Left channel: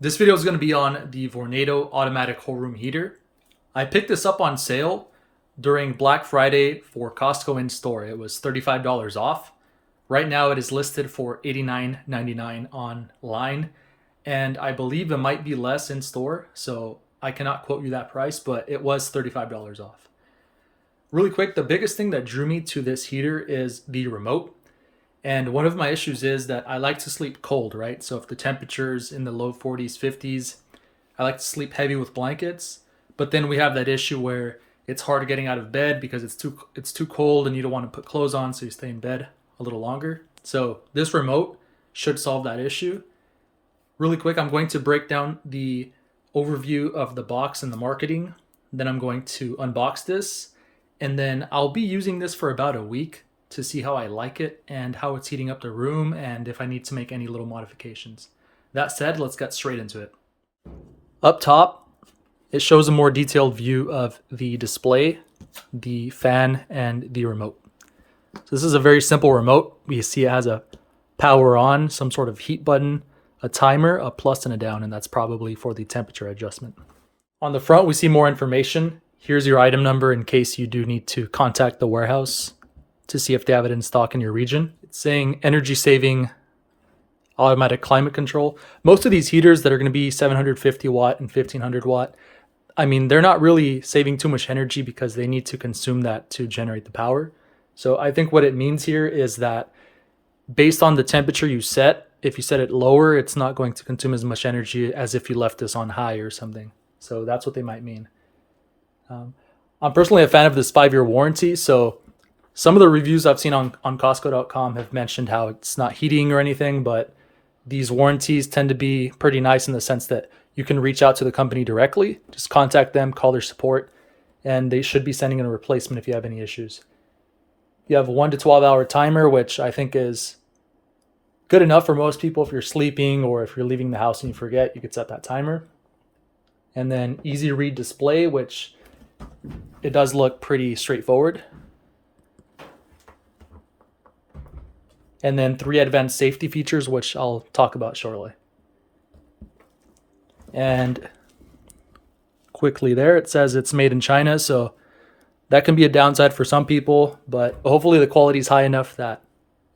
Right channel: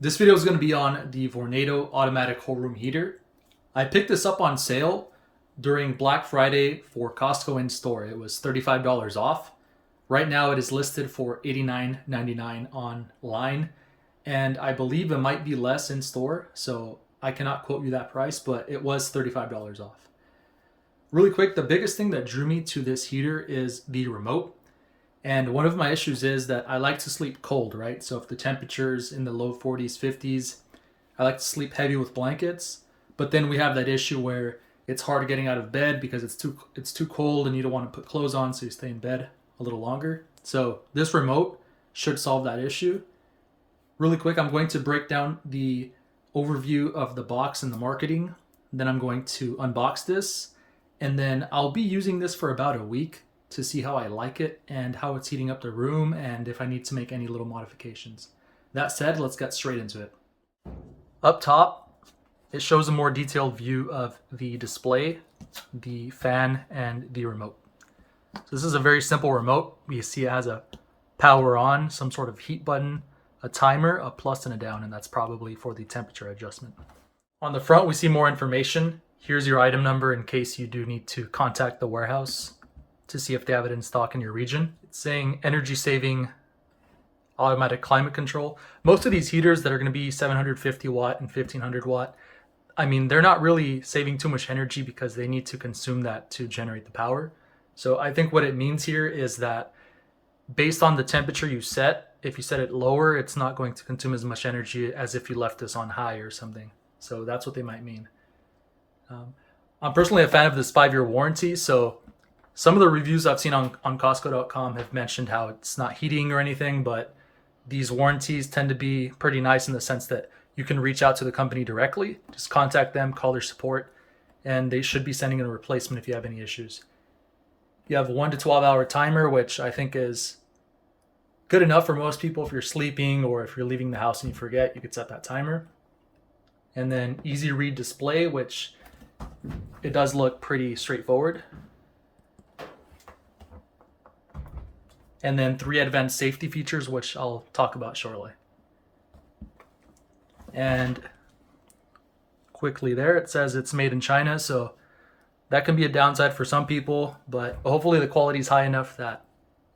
This video is going to be on the Vornado automatic whole room heater. I picked this up on sale during Black Friday for Costco in store. It was $35 off. Right now it is listed for $89.99 online, and I believe it might be less in store, so I cannot quote you that price, but it was $35 off. Really quick, the biggest thing that drew me to this heater is the remote. And one of my issues is that I like to sleep cold, right? So if the temperature's in the low 40s, 50s, I like to sleep heavy with blankets. But then we have that issue where it's hard getting out of bed because it's too cold and you don't want to put clothes on, so you stay in bed a little longer. So this remote should solve that issue. Really quick, I'm going to break down the overview of the box and the marketing. Then I'm going to unbox this, and then I'll be using this for about a week to see how I like it and how it's heating up the room and if I need to make any little modifications. That said, let's get straight into it. Up top, it shows a more detailed view of the display, the fan, and the remote. So this is a very simple remote. You see it has a power on, some sort of heat button, a timer, a plus and a down, and that's probably for the temperature adjustment. On the front, we see more information. Here's your item number in case you do need to contact the warehouse to see if they have it in stock in your region. It's saying energy saving automatic climate control. Most of these heaters that are going to be 750 watt and 1500 watt, I mean, they're not really saving too much energy because they need to consume that to generate the power. So I think what it means here is that based on the temperature you set, if you set it lower, it's not going to consume as much energy as if you left this on high or something. So that's what they might mean. I'm personally a fan of this 5-year warranty. So some of the reviews I've seen on Costco.com have mentioned how it's not heating or anything, but these warranties tend to be pretty nice in the sense that you can reach out to the company directly, just contact them, call their support, and they should be sending in a replacement if you have any issues. You have a 1 to 12 hour timer, which I think is good enough for most people. If you're sleeping or if you're leaving the house and you forget, you could set that timer. And then easy read display, which it does look pretty straightforward. And then 3 advanced safety features, which I'll talk about shortly. And quickly there, it says it's made in China, so that can be a downside for some people, but hopefully the quality is high enough that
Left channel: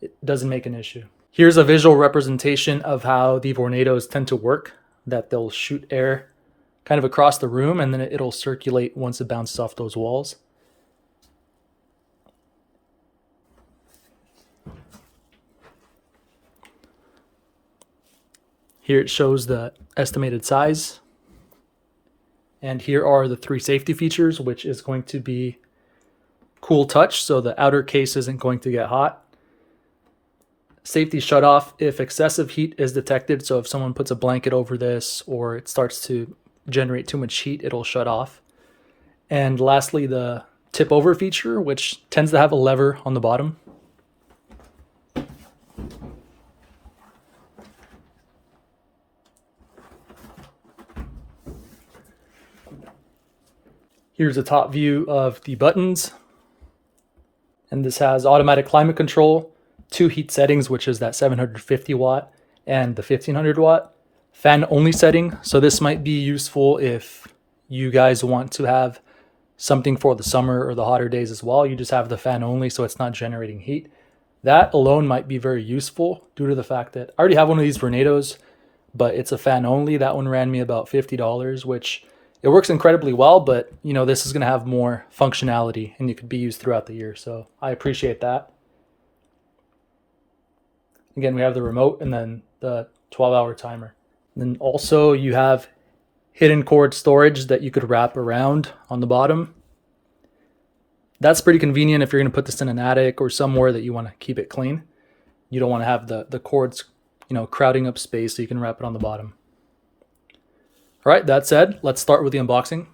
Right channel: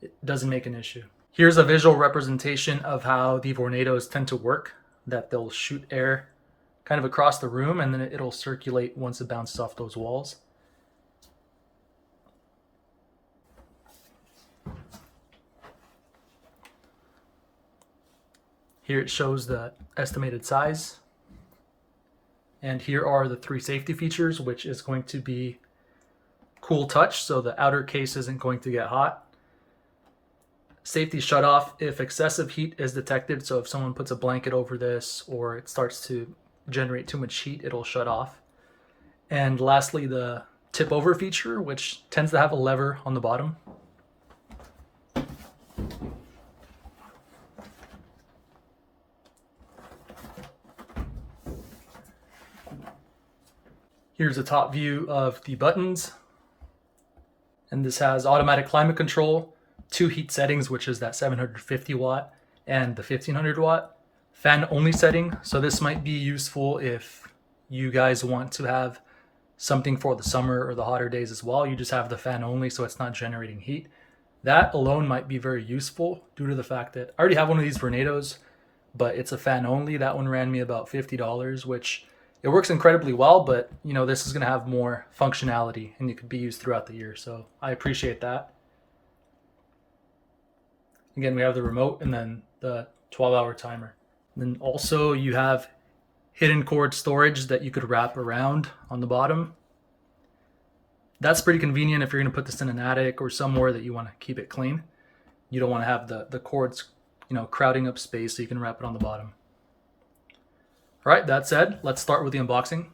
it doesn't make an issue. Here's a visual representation of how the Vornados tend to work, that they'll shoot air kind of across the room and then it'll circulate once it bounces off those walls. Here it shows the estimated size. And here are the 3 safety features, which is going to be cool touch, so the outer case isn't going to get hot. Safety shut off if excessive heat is detected, so if someone puts a blanket over this or it starts to generate too much heat, it'll shut off. And lastly, the tip over feature, which tends to have a lever on the bottom. Here's a top view of the buttons. And this has automatic climate control, 2 heat settings, which is that 750 watt and the 1500 watt. Fan only setting. So this might be useful if you guys want to have something for the summer or the hotter days as well. You just have the fan only so it's not generating heat. That alone might be very useful due to the fact that I already have one of these Vornados, but it's a fan only. That one ran me about $50, which it works incredibly well, but you know, this is going to have more functionality and it could be used throughout the year. So I appreciate that. Again, we have the remote and then the 12-hour timer. And also you have hidden cord storage that you could wrap around on the bottom. That's pretty convenient if you're going to put this in an attic or somewhere that you want to keep it clean. You don't want to have the cords, you know, crowding up space, so you can wrap it on the bottom. All right, that said, let's start with the unboxing.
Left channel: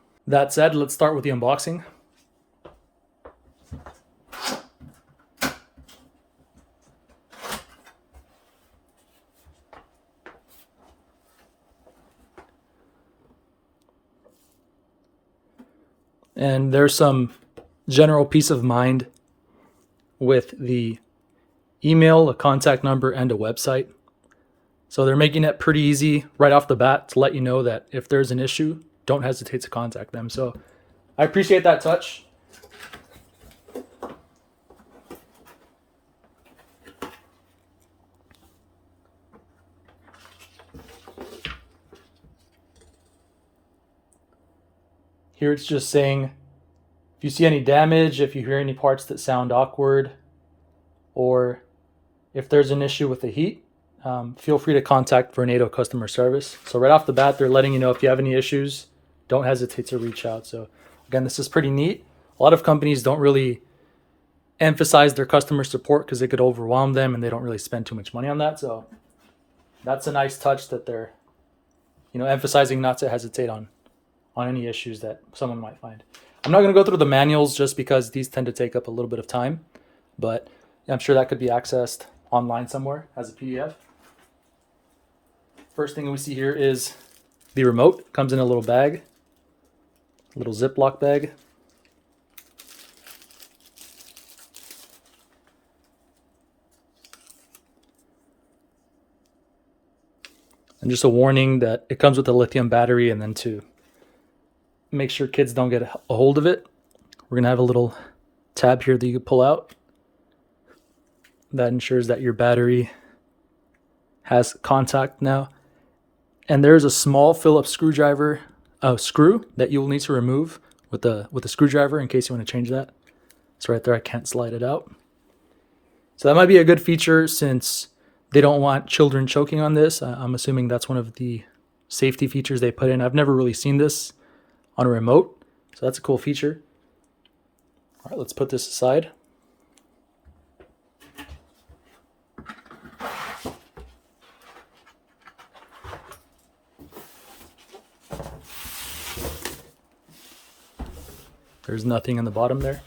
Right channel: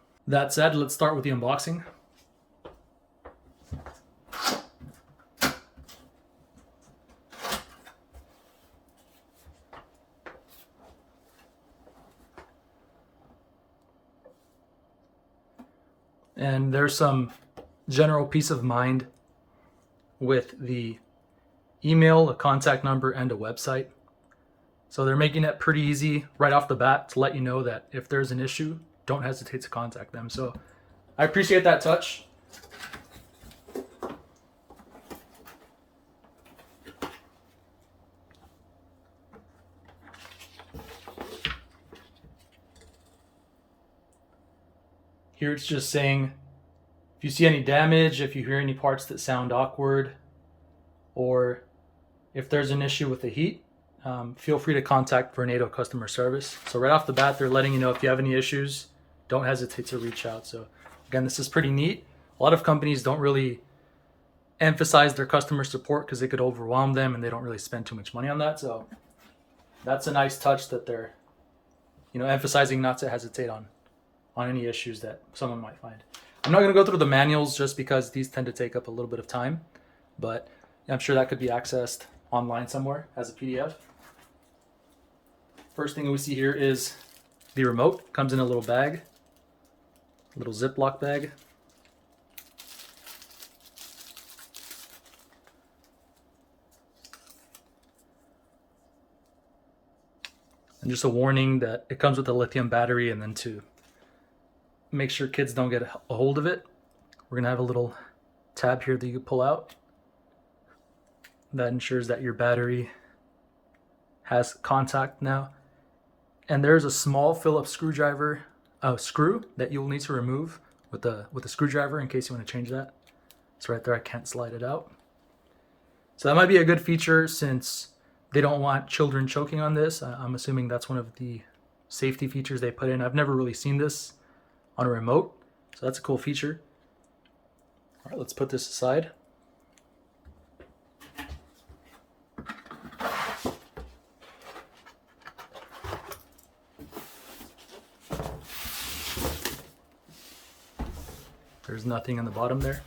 And there's some general peace of mind with the email, a contact number, and a website. So they're making it pretty easy right off the bat to let you know that if there's an issue, don't hesitate to contact them. So I appreciate that touch. Here it's just saying if you see any damage, if you hear any parts that sound awkward, or if there's an issue with the heat, feel free to contact Vornado customer service. So right off the bat, they're letting you know if you have any issues, don't hesitate to reach out. So again, this is pretty neat. A lot of companies don't really emphasize their customer support because it could overwhelm them and they don't really spend too much money on that. So that's a nice touch that they're, emphasizing not to hesitate on any issues that someone might find. I'm not going to go through the manuals just because these tend to take up a little bit of time, but I'm sure that could be accessed online somewhere as a PDF. First thing we see here is the remote. Comes in a little bag, a little Ziploc bag. And just a warning that it comes with a lithium battery, and then to make sure kids don't get a hold of it, we're going to have a little tab here that you can pull out. That ensures that your battery has contact now. And there is a small Phillips screw that you will need to remove with a screwdriver in case you want to change that. It's right there. I can't slide it out. So that might be a good feature since they don't want children choking on this. I'm assuming that's one of the safety features they put in. I've never really seen this on a remote, so that's a cool feature. All right, let's put this aside. There's nothing in the bottom there.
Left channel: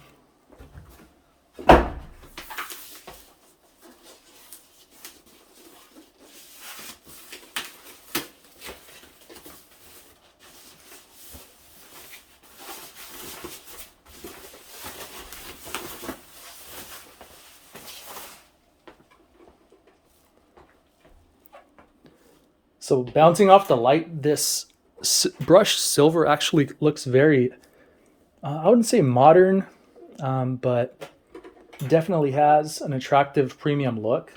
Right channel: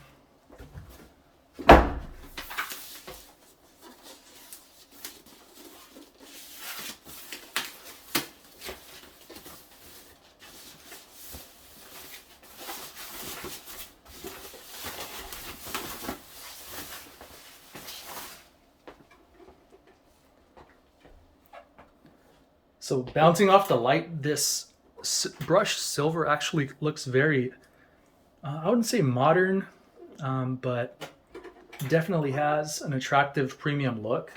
So bouncing off the light, this brushed silver actually looks very, I wouldn't say modern, but definitely has an attractive premium look.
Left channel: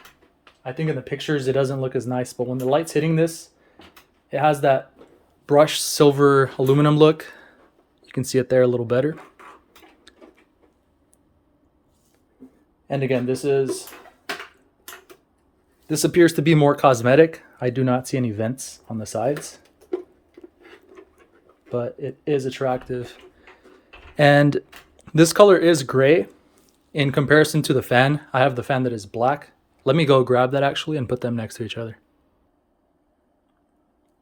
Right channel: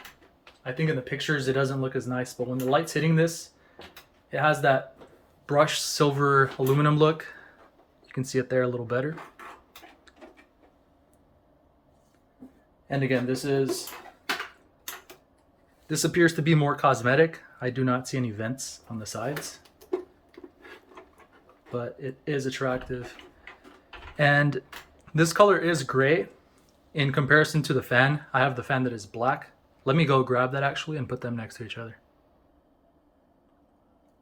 I think in the pictures it doesn't look as nice, but when the light's hitting this, it has that brushed silver aluminum look. You can see it there a little better. And again, this appears to be more cosmetic. I do not see any vents on the sides, but it is attractive. And this color is gray in comparison to the fan. I have the fan that is black. Let me go grab that actually and put them next to each other.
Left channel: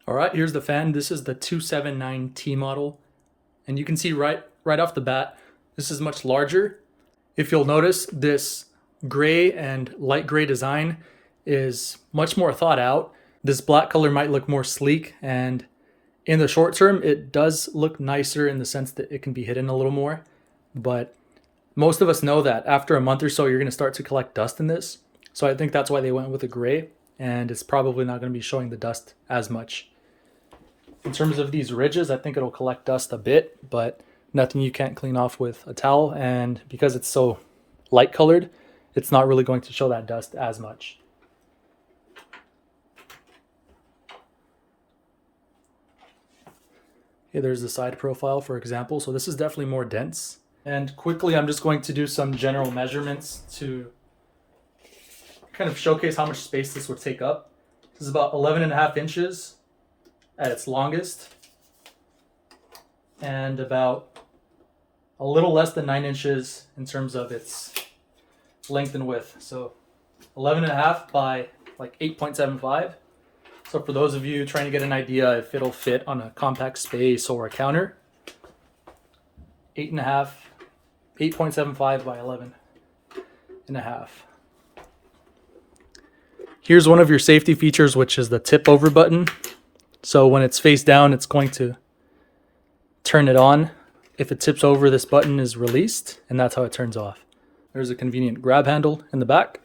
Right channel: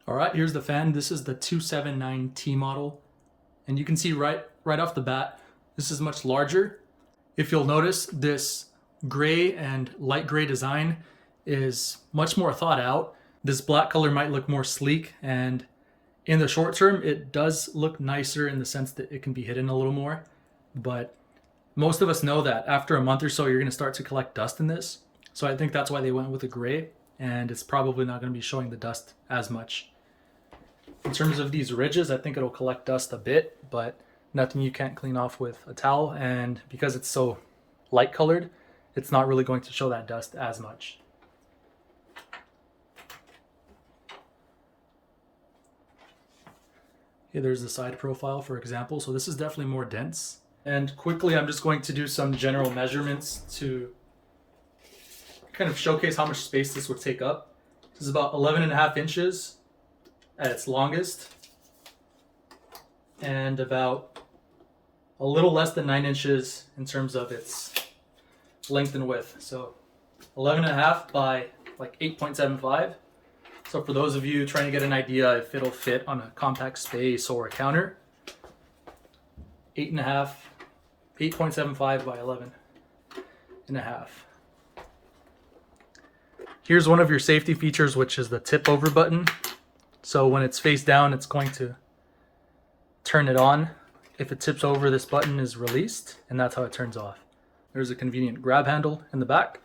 All right, here's the fan. This is the 279T model. And you can see right off the bat, this is much larger. If you'll notice, this gray and light gray design is much more thought out. This black color might look more sleek, and in the short term, it does look nicer in the sense that it can be hidden a little more. But most of us know that after a month or so, you're going to start to collect dust in this. So I think that's why they went with a gray, and it's probably not going to be showing the dust as much. In terms of these ridges, I think it'll collect dust a bit, but nothing you can't clean off with a towel. And because it's so light colored, it's not really going to show that dust as much. Okay, there's the side profile, for example. So this is definitely more dense. And quickly, I'm just going to do some general measurements to kind of showcase how much space this would take up. This is about 11.5 inches at its longest, and about a little less than 9 inches in terms of its length and width. So 11.5 by like 8.75. So for those of you trying to get an idea if it'll fit on a compact space or a counter, 8.75 by 11.5. Here's one of your safety features, which is the tip over button. So when it's face down, it's going to turn it on. If it tips over, this button is released, and that's how it turns off. There's a convenient grab handle in the back.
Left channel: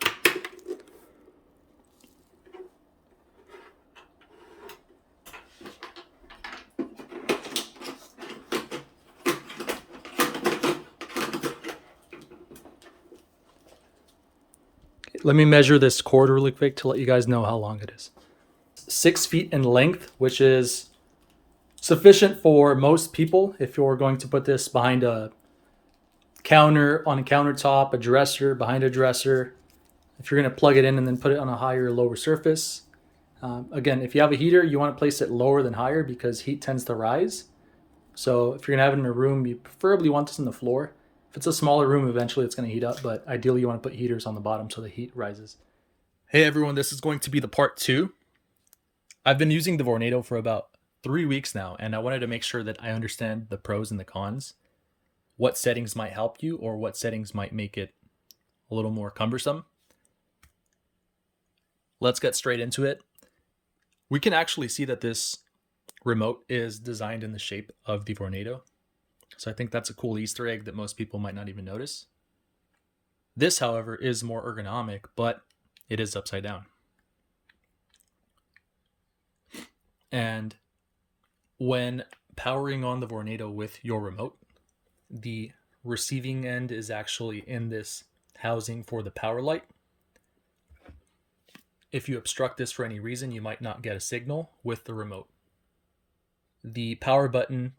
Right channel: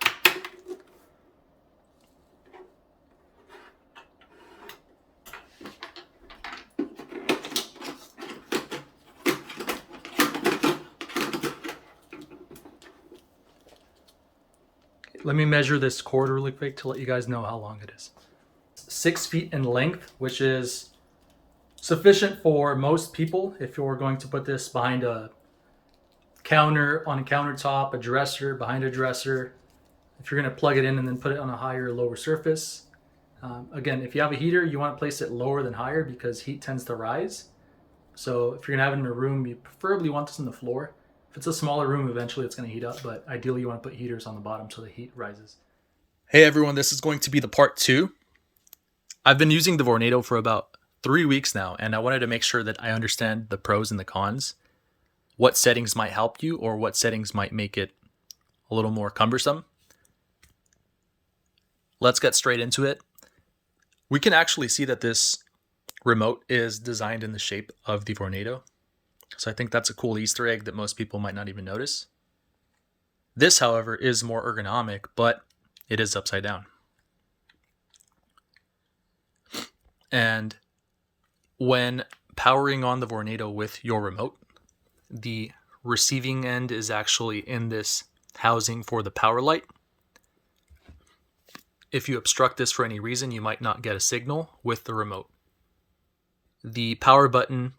Let me measure this cord really quick to let you guys know how long it is. 6 feet in length, which is sufficient for most people if you're going to put this behind a counter, on a countertop, a dresser, behind a dresser. If you're going to plug it in and then put it on a higher or lower surface. Again, if you have a heater, you want to place it lower than higher because heat tends to rise. So if you're going to have it in a room, you preferably want this on the floor. If it's a smaller room, eventually it's going to heat up, but ideally you want to put heaters on the bottom so the heat rises. Hey everyone, this is going to be the part 2. I've been using the Vornado for about 3 weeks now, and I wanted to make sure that I understand the pros and the cons, what settings might help you or what settings might make it a little more cumbersome. Let's get straight into it. We can actually see that this remote is designed in the shape of the Vornado. So I think that's a cool Easter egg that most people might not even notice. This, however, is more ergonomic, but it is upside down. And when powering on the Vornado with your remote, the receiving end is actually in this housing for the power light. If you obstruct this for any reason, you might not get a signal with the remote. The power button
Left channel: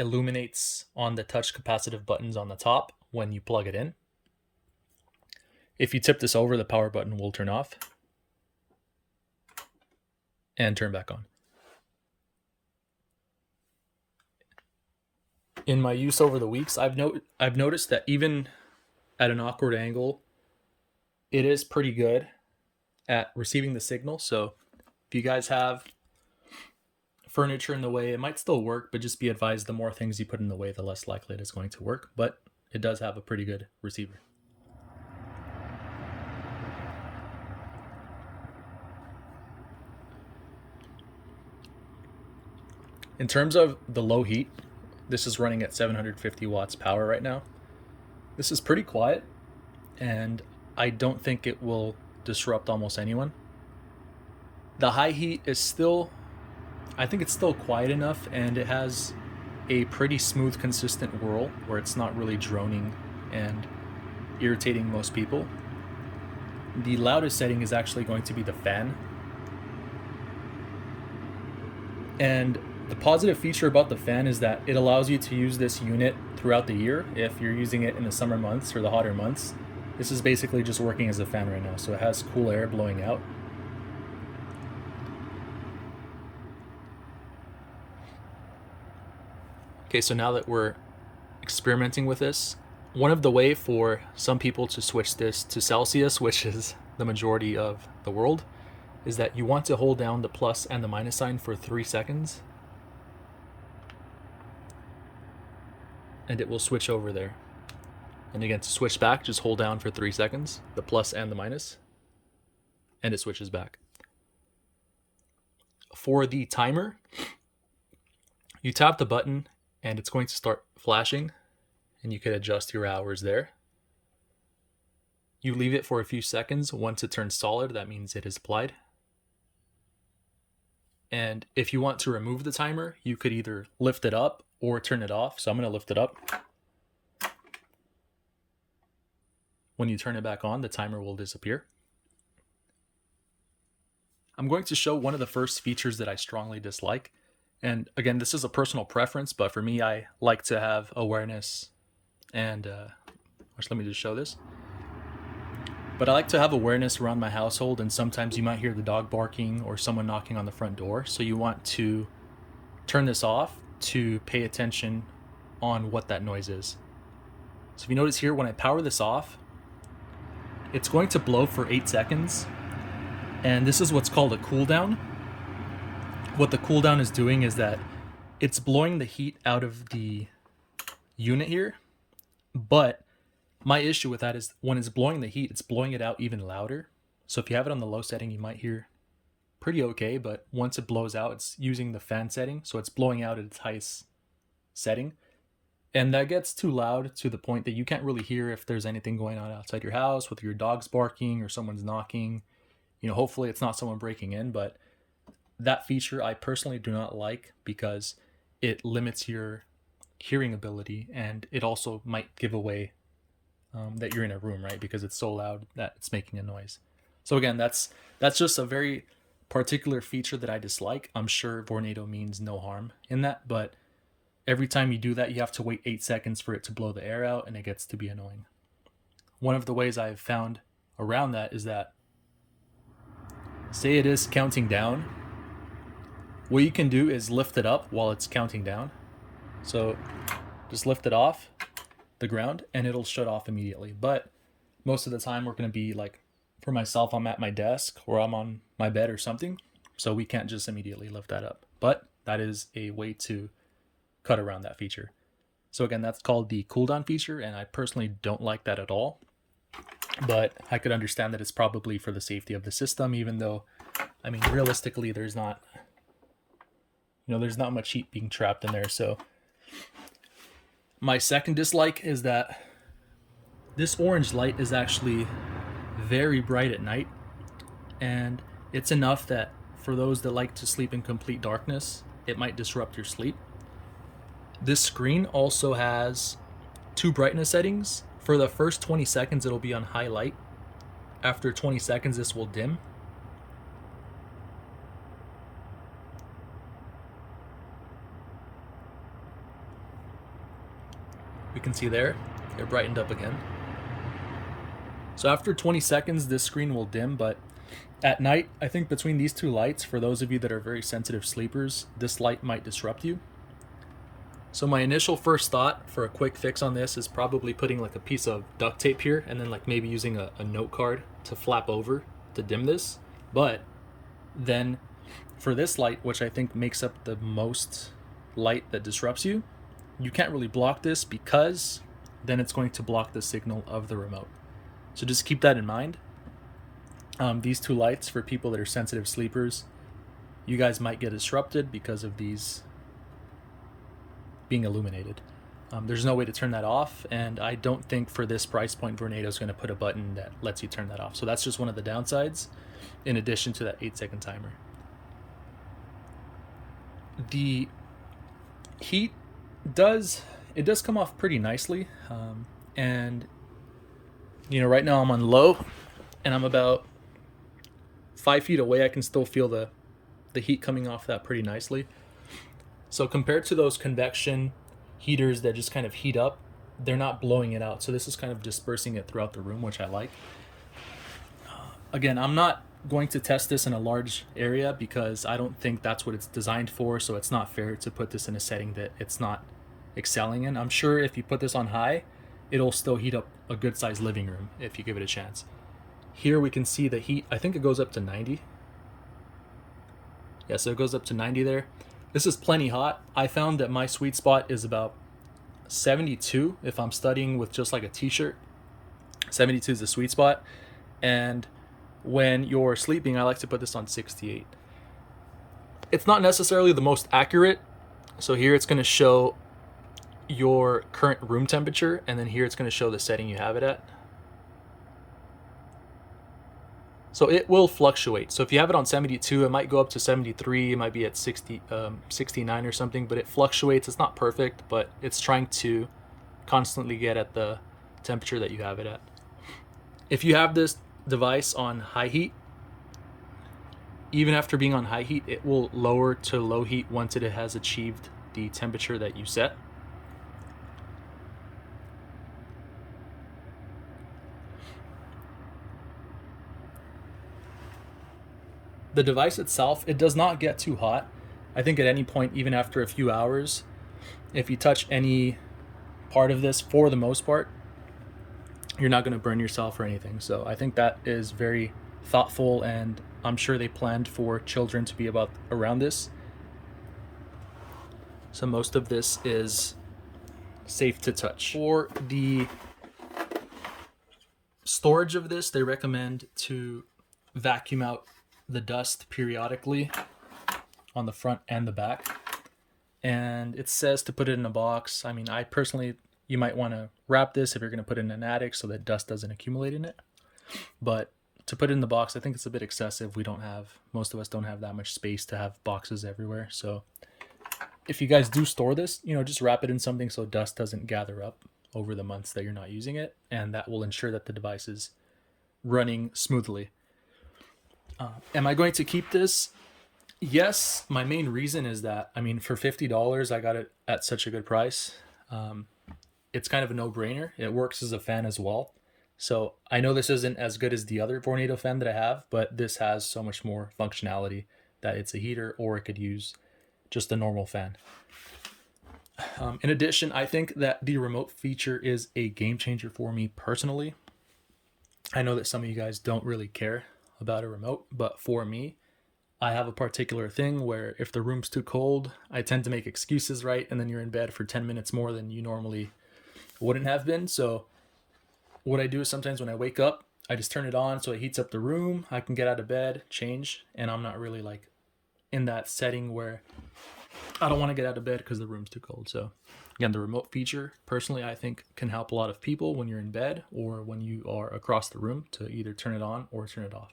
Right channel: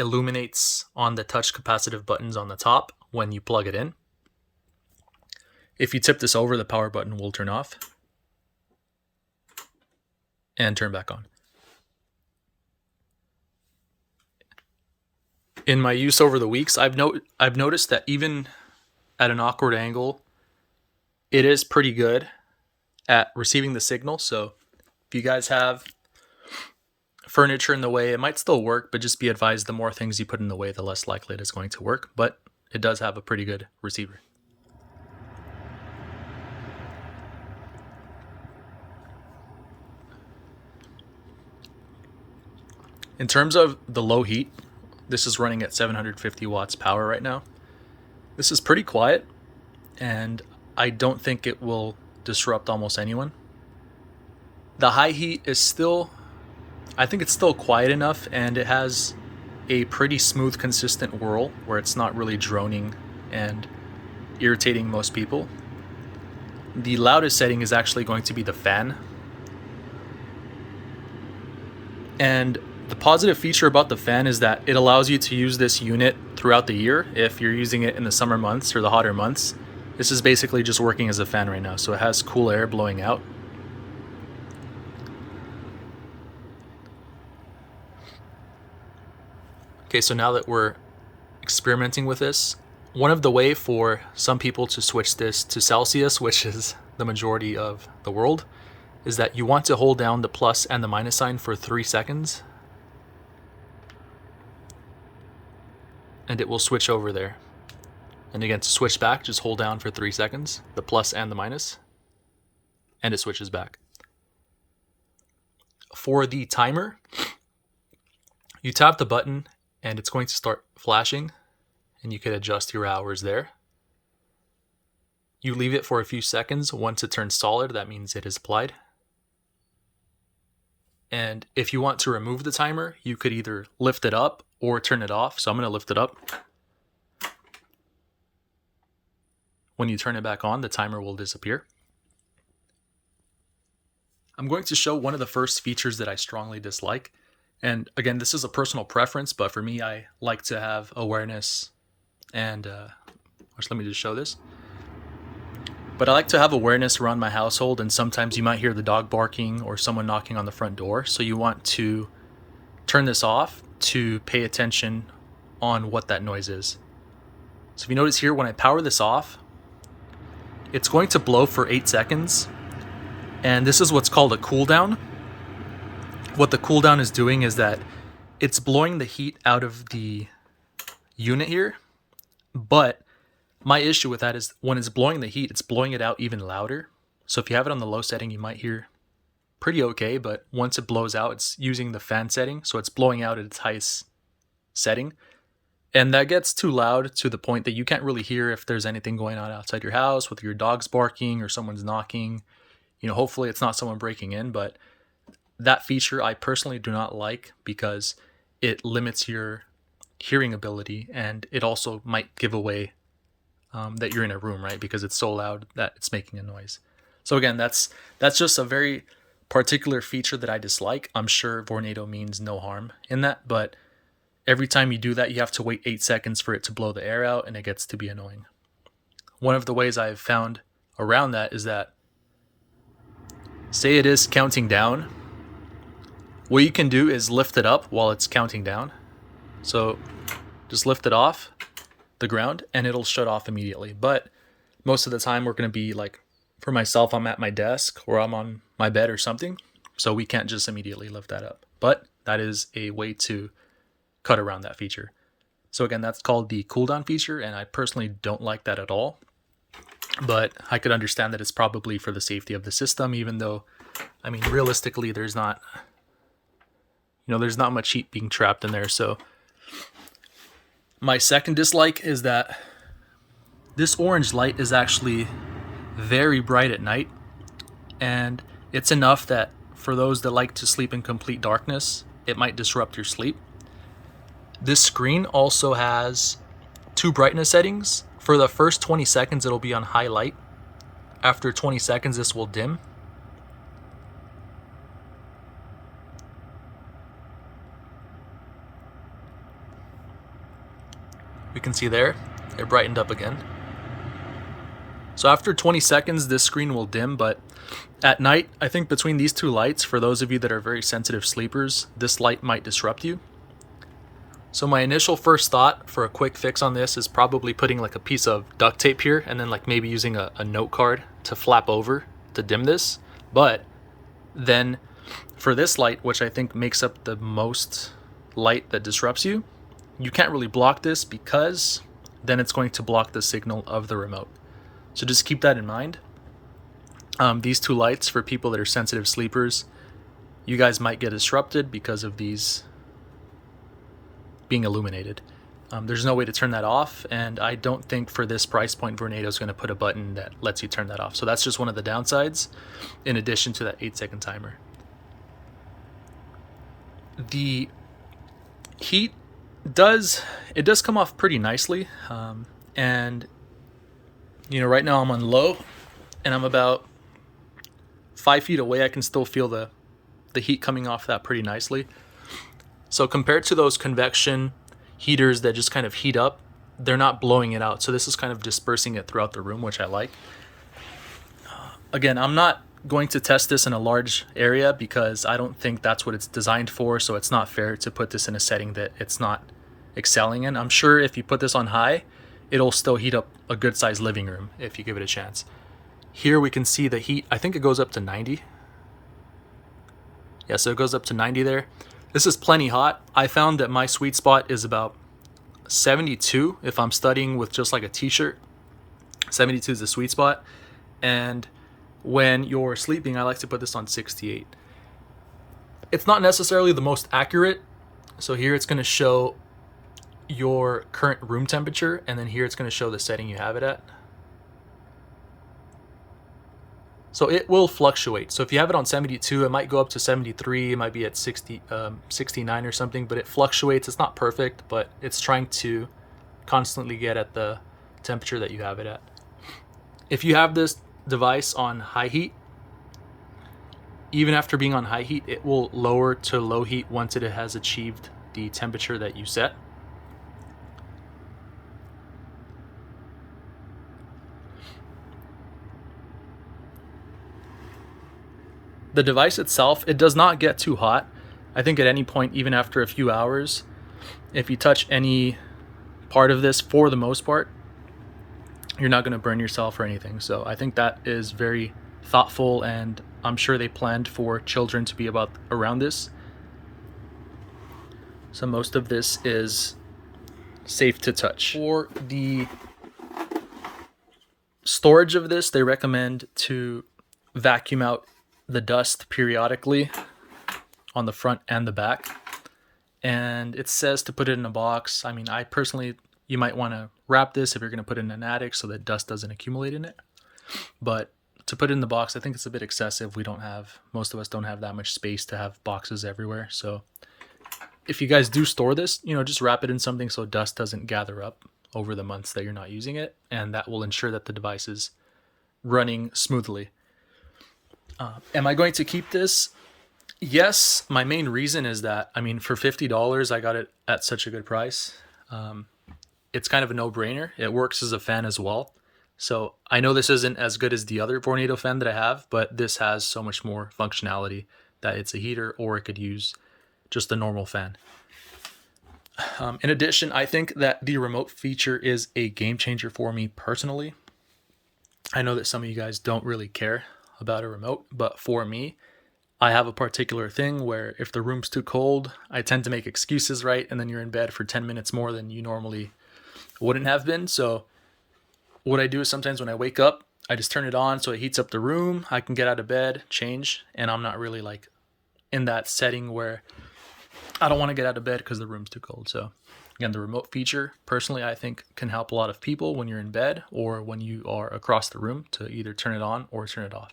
illuminates on the touch capacitive buttons on the top when you plug it in. If you tip this over, the power button will turn off and turn back on. In my use over the weeks, I've noticed that even at an awkward angle, it is pretty good at receiving the signal. So if you guys have furniture in the way, it might still work, but just be advised, the more things you put in the way, the less likely it is going to work. But it does have a pretty good receiver. In terms of the low heat, this is running at 750 watts power right now. This is pretty quiet, and I don't think it will disrupt almost anyone. The high heat is still, I think it's still quiet enough, and it has a pretty smooth, consistent whirl where it's not really droning and irritating most people. The loudest setting is actually going to be the fan. And the positive feature about the fan is that it allows you to use this unit throughout the year. If you're using it in the summer months or the hotter months, this is basically just working as a fan right now. So it has cool air blowing out. Okay, so now that we're experimenting with this, one of the way for some people to switch this to Celsius, which is the majority of the world, is that you want to hold down the plus and the minus sign for 3 seconds. And it will switch over there. And again, to switch back, just hold down for 3 seconds, the plus and the minus, and it switches back. For the timer, you tap the button and it's going to start flashing, and you can adjust your hours there. You leave it for a few seconds. Once it turns solid, that means it is applied. And if you want to remove the timer, you could either lift it up or turn it off. So I'm going to lift it up. When you turn it back on, the timer will disappear. I'm going to show one of the first features that I strongly dislike. And again, this is a personal preference, but for me, I like to have awareness and, let me just show this. But I like to have awareness around my household, and sometimes you might hear the dog barking or someone knocking on the front door. So you want to turn this off to pay attention on what that noise is. So if you notice here, when I power this off, it's going to blow for 8 seconds. And this is what's called a cool down. What the cool down is doing is that it's blowing the heat out of the unit here. But my issue with that is when it's blowing the heat, it's blowing it out even louder. So if you have it on the low setting, you might hear pretty okay, but once it blows out, it's using the fan setting, so it's blowing out at its highest setting. And that gets too loud to the point that you can't really hear if there's anything going on outside your house, whether your dog's barking or someone's knocking. Hopefully it's not someone breaking in, but that feature I personally do not like because it limits your hearing ability, and it also might give away that you're in a room, right? Because it's so loud that it's making a noise. So again, that's just a very particular feature that I dislike. I'm sure Vornado means no harm in that, but every time you do that, you have to wait 8 seconds for it to blow the air out, and it gets to be annoying. One of the ways I've found around that is that, say it is counting down, what you can do is lift it up while it's counting down. So just lift it off the ground and it'll shut off immediately. But most of the time we're going to be like, for myself, I'm at my desk or I'm on my bed or something. So we can't just immediately lift that up. But that is a way to cut around that feature. So again, that's called the cooldown feature, and I personally don't like that at all. But I could understand that it's probably for the safety of the system, even though, I mean, realistically, there's not much heat being trapped in there. So my second dislike is that this orange light is actually very bright at night, and it's enough that for those that like to sleep in complete darkness, it might disrupt your sleep. This screen also has 2 brightness settings. For the first 20 seconds, it'll be on high light. After 20 seconds, this will dim. We can see there, it brightened up again. So after 20 seconds, this screen will dim, but at night, I think between these 2 lights, for those of you that are very sensitive sleepers, this light might disrupt you. So my initial first thought for a quick fix on this is probably putting like a piece of duct tape here and then like maybe using a note card to flap over to dim this. But then for this light, which I think makes up the most light that disrupts you, you can't really block this because then it's going to block the signal of the remote. So just keep that in mind. These 2 lights, for people that are sensitive sleepers, you guys might get disrupted because of these being illuminated. There's no way to turn that off, and I don't think for this price point Vornado is going to put a button that lets you turn that off. So that's just one of the downsides, in addition to that 8-second timer. The heat does come off pretty nicely, and right now I'm on low, and I'm about 5 feet away. I can still feel the heat coming off that pretty nicely. So compared to those convection heaters that just kind of heat up, they're not blowing it out. So this is kind of dispersing it throughout the room, which I like. Again, I'm not going to test this in a large area because I don't think that's what it's designed for. So it's not fair to put this in a setting that it's not excelling in. I'm sure if you put this on high, it'll still heat up a good sized living room if you give it a chance. Here we can see the heat. I think it goes up to 90. Yeah, so it goes up to 90 there. This is plenty hot. I found that my sweet spot is about 72 if I'm studying with just like a t-shirt. 72 is the sweet spot. And when you're sleeping, I like to put this on 68. It's not necessarily the most accurate. So here it's going to show your current room temperature, and then here it's going to show the setting you have it at. So it will fluctuate. So if you have it on 72, it might go up to 73. It might be at 69 or something, but it fluctuates. It's not perfect, but it's trying to constantly get at the temperature that you have it at. If you have this device on high heat, even after being on high heat, it will lower to low heat once it has achieved the temperature that you set. The device itself, it does not get too hot. I think at any point, even after a few hours, if you touch any part of this, for the most part, you're not going to burn yourself or anything. So I think that is very thoughtful, and I'm sure they planned for children to be around this. So most of this is safe to touch. For the storage of this, they recommend to vacuum out the dust periodically on the front and the back. And it says to put it in a box. I mean, I personally, you might want to wrap this if you're going to put it in an attic so that dust doesn't accumulate in it. But to put it in the box, I think it's a bit excessive. Most of us don't have that much space to have boxes everywhere. So if you guys do store this, just wrap it in something so dust doesn't gather up over the months that you're not using it, and that will ensure that the device is running smoothly. Am I going to keep this? Yes. My main reason is that, I mean, for $50, I got it at such a good price. It's kind of a no-brainer. It works as a fan as well. So I know this isn't as good as the other Vornado fan that I have, but this has so much more functionality that it's a heater, or it could use just a normal fan. In addition, I think that the remote feature is a game changer for me personally. I know that some of you guys don't really care about a remote, but for me, I have a particular thing where if the room's too cold, I tend to make excuses, right? And then you're in bed for 10 minutes more than you normally wouldn't have been. So what I do is sometimes when I wake up, I just turn it on so it heats up the room. I can get out of bed, change, and I'm not really like in that setting where I don't want to get out of bed because the room's too cold. So again, the remote feature, personally, I think can help a lot of people when you're in bed or when you are across the room to either turn it on or turn it off.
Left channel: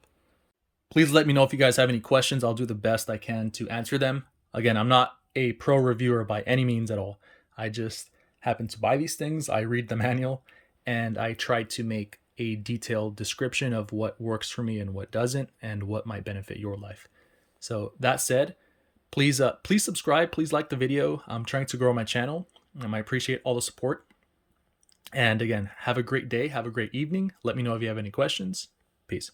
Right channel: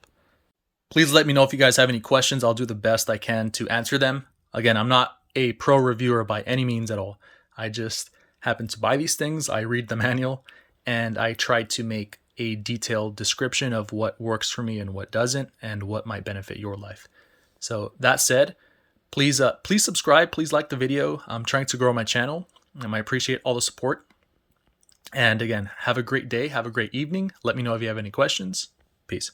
Please let me know if you guys have any questions. I'll do the best I can to answer them. Again, I'm not a pro reviewer by any means at all. I just happen to buy these things. I read the manual and I try to make a detailed description of what works for me and what doesn't, and what might benefit your life. So that said, please subscribe. Please like the video. I'm trying to grow my channel, and I appreciate all the support. And again, have a great day. Have a great evening. Let me know if you have any questions. Peace.